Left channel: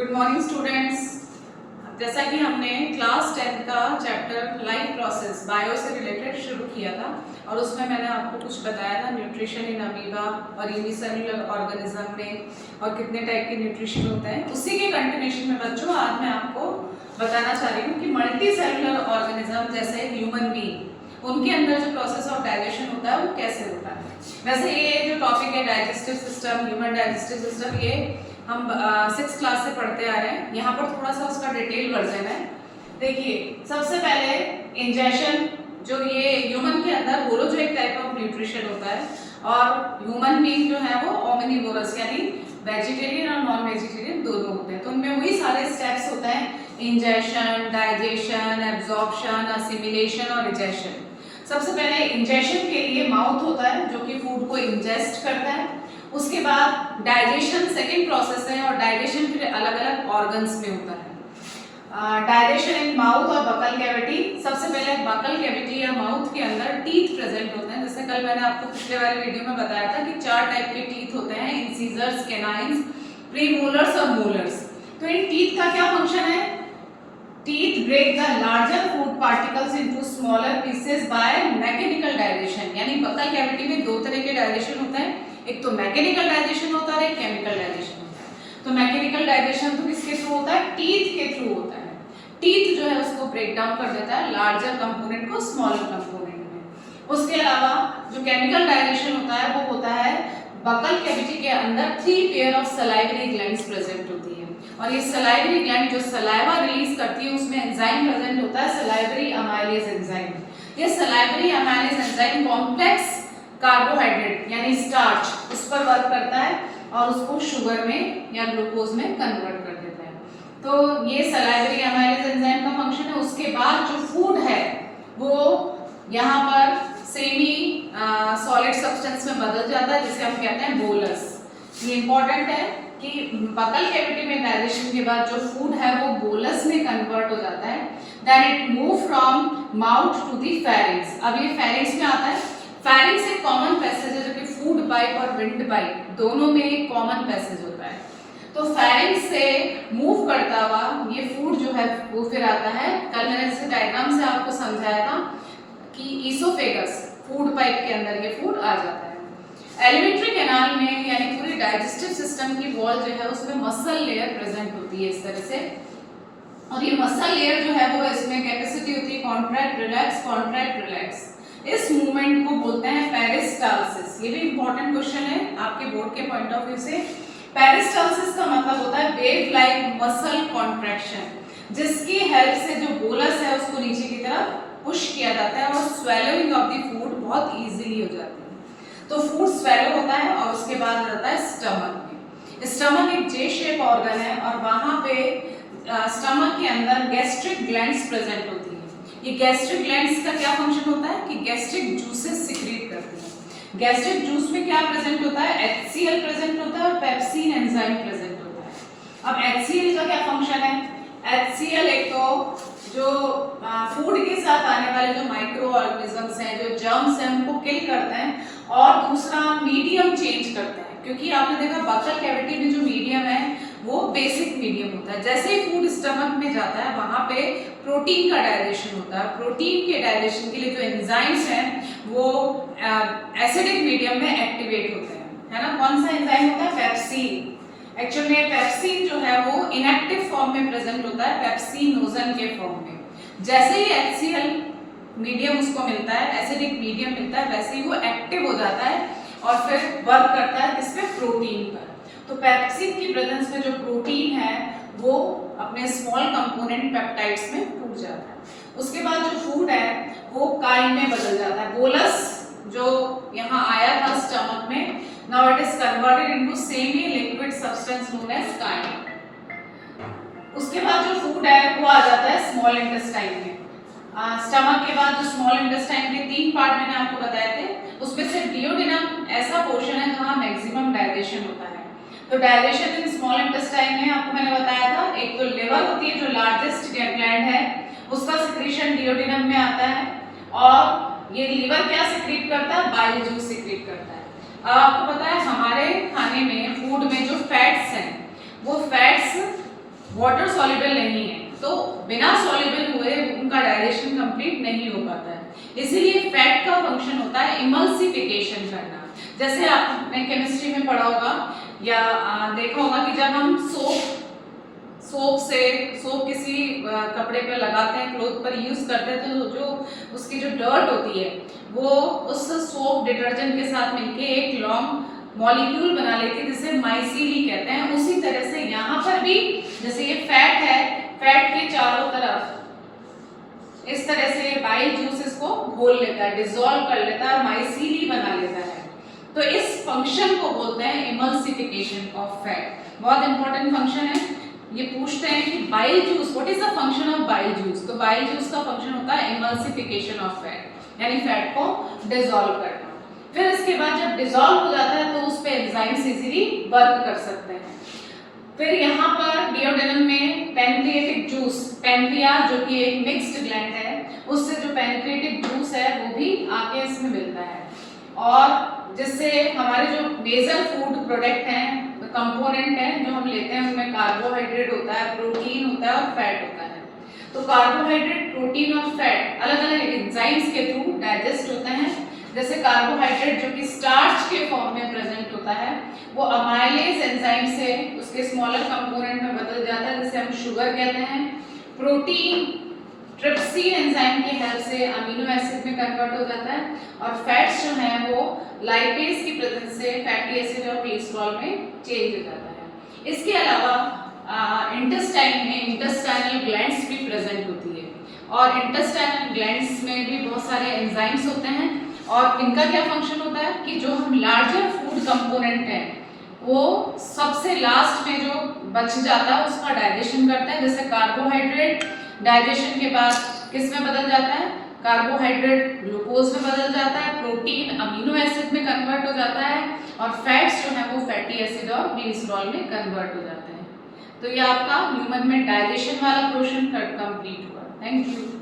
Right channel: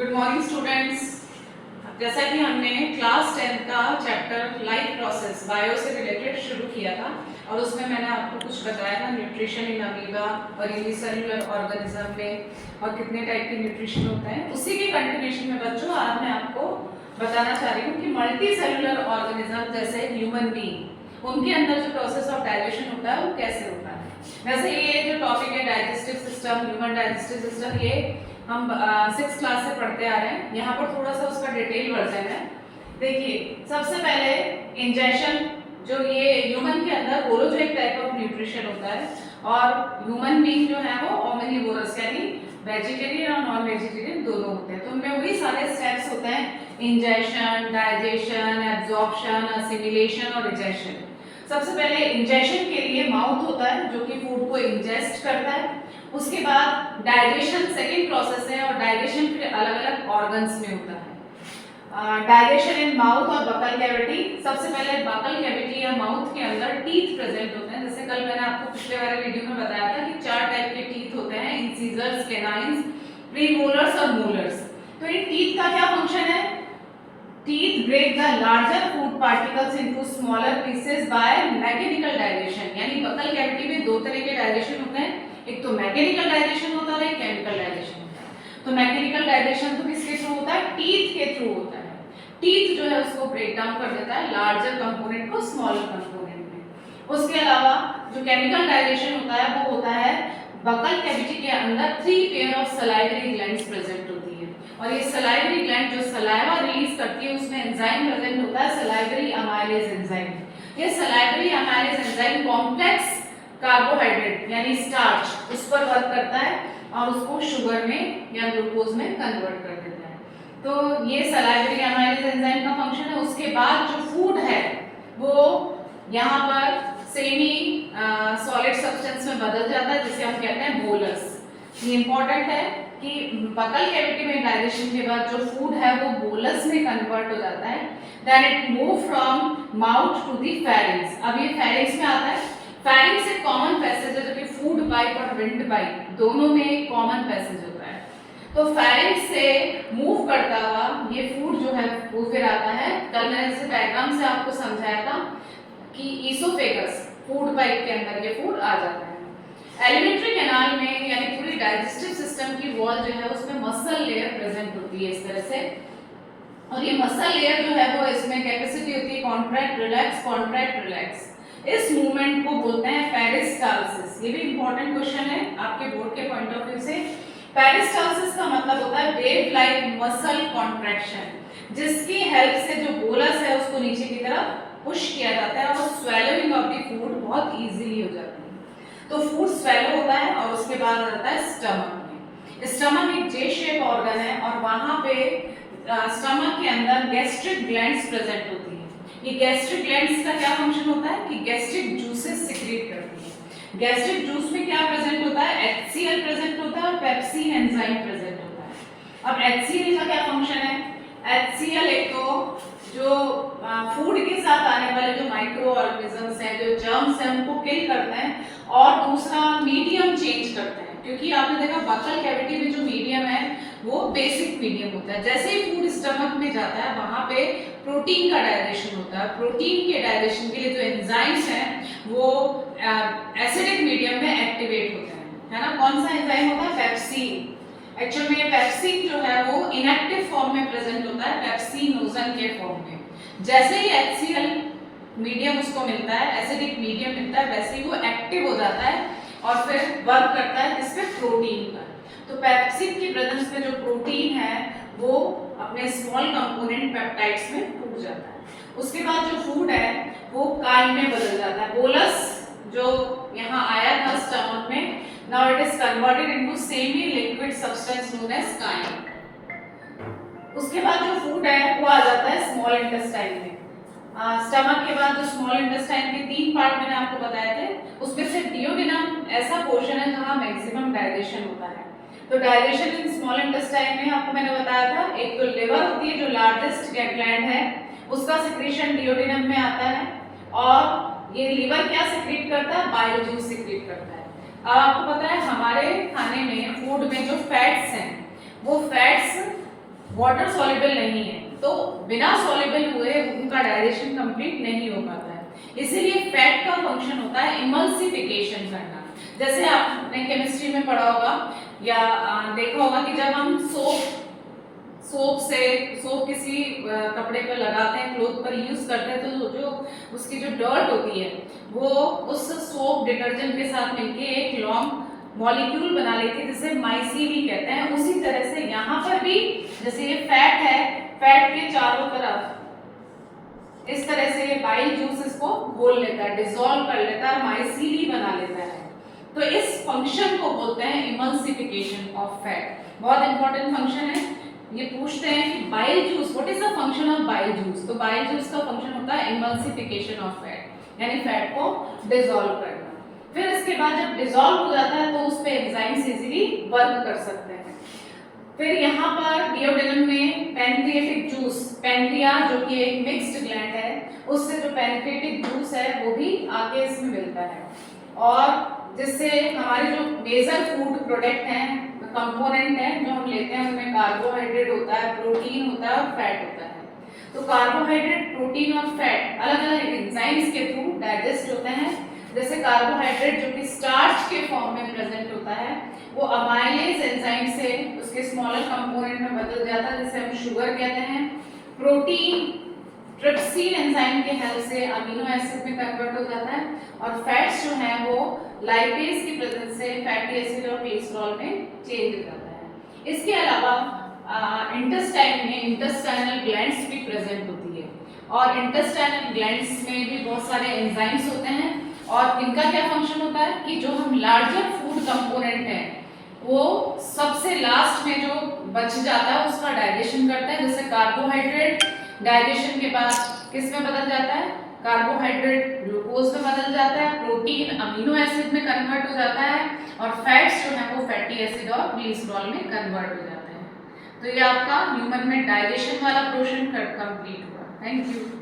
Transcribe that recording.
Good morning students. जैसा कि हमने क्लास 10 का चैप्टर लाइफ प्रोसेस बायो से रिलेटेड शुरू किया था और उसमें मैंने आपको कुछ बताया था न्यूट्रिशन इन अमीबा और यूनिसेलुलर ऑर्गेनिज्म में और कितने टाइप के न्यूट्रिशन होते हैं। उसी के कंटिन्यूएशन में बच्चों आज मैं आपको बताना चाह रही हूँ कि मल्टी सेलुलर ऑर्गेनिज्म जैसे ह्यूमन बीइंग, उनके अंदर जो प्रोसेस ऑफ डाइजेशन होता है वो कैसे होता है। वैसे ये जो टॉपिक है digestive system, human digestive system, ये हम 6th क्लास से पढ़ते आ रहे हैं। यहाँ पर थोड़ा सा उसका डिटेल वर्जन है। देखिए, सबसे पहले इंजेशन, जो ये ह्यूमन के अंदर होलोजोइक टाइप ऑफ न्यूट्रिशन होता है और ह्यूमन बीइंग जो है वो ओमनिवोरस यानी वेजिटेरियन और नॉन वेजिटेरियन दोनों होते हैं। तो उनमें वही सारे स्टेप्स होते हैं, इंजेशन, डाइजेशन, एब्जॉर्प्शन, असिमिलेशन और रिजेक्शन। सबसे पहले इंजेशन के लिए माउथ होता है जो कि फूड को इंजेस्ट करता है। उसके बाद डाइजेशन सेकेंड प्रोसेस है और डाइजेशन फिर अलग अलग ऑर्गन्स में होता है। डाइजेशन इन माउथ और बकल कैविटी। सबसे पहले बकल कैविटी या माउथ के अंदर टीथ प्रेजेंट होते हैं। जैसे कल मैंने आपको पिछले वाले वीडियो में बताया था कि 4 टाइप के टीथ होते हैं, इंसीजर्स, कैनाइन्स, प्रीमोलर्स और मोलर्स। तो इन टीथ का क्या फंक्शन है? Teeth break the larger food particles into smaller pieces by mechanical digestion। यानी बकल कैविटी में दो तरह के डाइजेशन होते हैं, एक तो मैकेनिकल डाइजेशन होता है और एक केमिकल डाइजेशन होता है। तो मैकेनिकल डाइजेशन तो किसके थ्रू होता है? टीथ के थ्रू होता है। टीथ जो है उसको ब्रेक डाउन कर देता है लार्जर कंपोनेंट को स्मॉलर कंपोनेंट में। उसके अलावा जो केमिकल डाइजेशन होता है वो होता है बकल कैविटी के अंदर 3 pair of salivary glands present होती है और ये सलाइवरी ग्लैंड जो सलाइवा रिलीज करती है उसमें एंजाइम प्रेजेंट होता है, सलाइवरी अमाइलेज एंजाइम। ये salivary amylase enzyme complex carbohydrate यानी स्टार्च उस पर वर्क करता है और उसको शुगर में या ग्लूकोज में कन्वर्ट कर देता है। तो ये सलाइवरी अमाइलेज एंजाइम का फंक्शन है। उसके बाद जो फूड है वो यहाँ पर सेमी सॉलिड सब्सटेंस में बदल जाता है जिसे हम कहते हैं बोलस। ये इंपॉर्टेंट है कि बकल कैविटी में डाइजेशन के बाद जो फूड है वो बोलस में कन्वर्ट हो जाता है। Then it move from mouth to the pharynx. अब ये फेरिंग्स में आता है। फेरिंग्स एक कॉमन पैसेज है जो कि फूड पाइप और विंड पाइप दोनों में कॉमन पैसेज होता है। तो फेरिंग्स से मूव करता हुआ ये फूड जो है वो फिर आता है। कल मैंने इसे डायग्राम से आपको समझाया था कि ईसोफेगस फूड पाइप के अंदर ये फूड आ जाता है। एलिमेंट्री कैनाल में यानी पूरी डाइजेस्टिव सिस्टम की वॉल जो है उसमें मसल लेयर प्रेजेंट होती है इस तरह से, और ये मसल लेयर जो है वो इसमें कैपेसिटी होती है कॉन्ट्रैक्ट रिलैक्स, कॉन्ट्रैक्ट रिलैक्स। इस मूवमेंट को बोलते हैं पेरिस्टाल्सिस। ये भी इंपॉर्टेंट क्वेश्चन है आपके बोर्ड के पॉइंट ऑफ व्यू से। पेरिस्टाल्सिस का मतलब होता है वेव लाइक मसल कॉन्ट्रैक्शन, जिसकी हेल्प से जो बोलस है उसको नीचे की तरफ पुश किया जाता है और स्वेलोइंग ऑफ द फूड बहुत इजीली हो जाती है। तो फूड स्वेलो होता है और उसके बाद आ जाता है स्टमक में। स्टमक एक जे शेप ऑर्गन है और वहां पे स्टमक के अंदर गैस्ट्रिक ग्लैंड्स प्रेजेंट होती है। ये गैस्ट्रिक ग्लैंड्स का क्या फंक्शन होता है कि गैस्ट्रिक जूसेस सिक्रीट करती है। गैस्ट्रिक जूस में क्या प्रेजेंट होता है? HCl प्रेजेंट होता है और पेप्सिन एंजाइम प्रेजेंट होता है। अब HCl का क्या फंक्शन है? HCl एक तो जो फूड के साथ आने वाले जो माइक्रो ऑर्गेनिजम्स हैं, जो जर्म्स हैं, उनको किल करते हैं और दूसरा मीडियम चेंज करते हैं। क्योंकि आपने देखा बकल कैविटी में जो मीडियम है वो बेसिक मीडियम होता है। जैसे ही फूड स्टमक में जाता है वहां पे प्रोटीन का डाइजेशन होता है। प्रोटीन के डाइजेशन के लिए जो एंजाइम्स हैं वो एसिडिक मीडियम में एक्टिवेट होते हैं, है ना। कौन सा एंजाइम होता है? पेप्सिन। एक्चुअल में पेप्सिन जो है वो इनएक्टिव फॉर्म में प्रेजेंट होता है, पेप्सिनोजन के फॉर्म में। जैसे ही HCl मीडियम उसको मिलता है, एसिडिक मीडियम मिलता है, वैसे ही वो एक्टिव हो जाता है और फिर वर्क करता है इस पे प्रोटीन पर। तो पेप्सिन की प्रेजेंस में जो प्रोटीन है वो अपने स्मॉल कंपोनेंट पेप्टाइड्स में टूट जाता है। उसके बाद जो फूड है वो काइल में बदल जाता है। बोलस जो यहाँ आया था स्टमक में, now it is converted into semi liquid substance known as chyme। उसके बाद जो फूड है वो आ जाता है स्मॉल इंटेस्टाइन में। स्टमक के बाद जो स्मॉल इंटेस्टाइन के 3 पार्ट मैंने आपको बताए थे, उसमें से डियोडेनम ऐसा पोर्शन है जहाँ मैक्सिमम डाइजेशन होता है। तो डाइजेशन इन स्मॉल इंटेस्टाइन में आपको मैंने बताया था, एक तो लिवर होती है जो लार्जेस्ट ग्लैंड है, उसका सिक्रीशन डियोडेनम में आता है और ये लिवर क्या सिक्रीट करता है? बाइल जूस सिक्रीट करता है। अब आपको पता है हमारे खाने में, फूड में जो फैट्स हैं वो फैट्स वाटर सॉल्युबल नहीं है, तो बिना सॉल्युबल हुए उनका डाइजेशन कंप्लीट नहीं हो पाता है। इसीलिए फैट का फंक्शन होता है इमल्सिफिकेशन करना। जैसे आपने केमिस्ट्री में पढ़ा होगा या देखा होगा कि जब हम सोप किसी कपड़े पर लगाते हैं, क्लोथ पर यूज करते हैं, तो जो उसकी जो डर्ट होती है वो उस सोप डिटर्जेंट के साथ मिलके एक लॉन्ग मॉलिक्यूल बना लेती है जिसे माइसीली कहते हैं। उसी तरह से यहाँ पर भी जैसे ये फैट है, फैट के चारों तरफ इस तरह से ये बाइल जूस इसको घोल लेता है, डिसॉल्व कर लेता है और माइसीली बना लेता है। तो इस फंक्शन को बोलते हैं इमल्सिफिकेशन ऑफ फैट। बहुत इंपॉर्टेंट फंक्शन है। ये पूछते हैं कि bile juice, what is the function of bile juice? तो बाइल जूस का फंक्शन होता है इमल्सिफिकेशन ऑफ फैट, यानी फैट को डिसॉल्व करना। फिर इसके बाद जब डिसॉल्व हो जाता है तो उस पे एंजाइम्स इजीली वर्क कर सकते हैं। फिर यहाँ पर डिओडेनम में पैनक्रिएटिक जूस, पैनक्रिया जो कि एक मिक्स्ड ग्लैंड है, उससे जो पैनक्रिएटिक जूस है वो भी आके इसमें मिलता है, और जिससे हमारे जो मेजर फूड प्रोडक्ट हैं, कंपोनेंट हैं जो हम लेते हैं, उनमें कार्बोहाइड्रेट होता है, प्रोटीन होता है और फैट होता है। तो कार्बोहाइड्रेट, प्रोटीन और फैट अलग अलग एंजाइम्स के थ्रू डाइजेस्ट होते हैं। जैसे कार्बोहाइड्रेट जो कि स्टार्च के फॉर्म में प्रेजेंट होता है, वो अमाइलेज एंजाइम से उसके स्मॉलर कंपोनेंट में बदल जाता है जिसे हम शुगर कहते हैं। प्रोटीन ट्रिप्सिन एंजाइम के हेल्प से अमीनो एसिड में कन्वर्ट हो जाता है, और फैट्स जो हैं वो लाइपेज की प्रेजेंस से फैटी एसिड और कोलेस्ट्रॉल में चेंज हो जाता है। इसके अलावा इंटेस्टाइन में इंटेस्टाइनल ग्लैंड्स भी प्रेजेंट होती है, और इंटेस्टाइनल ग्लैंड्स में भी बहुत सारे एंजाइम्स होते हैं, और इनका क्या फंक्शन होता है कि जो हम लार्जर फूड कंपोनेंट हैं वो सबसे लास्ट में जो बच जाता है उसका डाइजेशन करता है। जैसे कार्बोहाइड्रेट डाइजेशन के बाद किस में बदल जाता है? कार्बोहाइड्रेट ग्लूकोज में बदल जाता है, प्रोटीन अमीनो एसिड में कन्वर्ट हो जाता है, और फैट्स जो है वो फैटी एसिड और कोलेस्ट्रॉल में कन्वर्ट हो जाते हैं। तो ये आपका ह्यूमन में डाइजेशन वाला पोर्शन कंप्लीट हुआ। Thank you.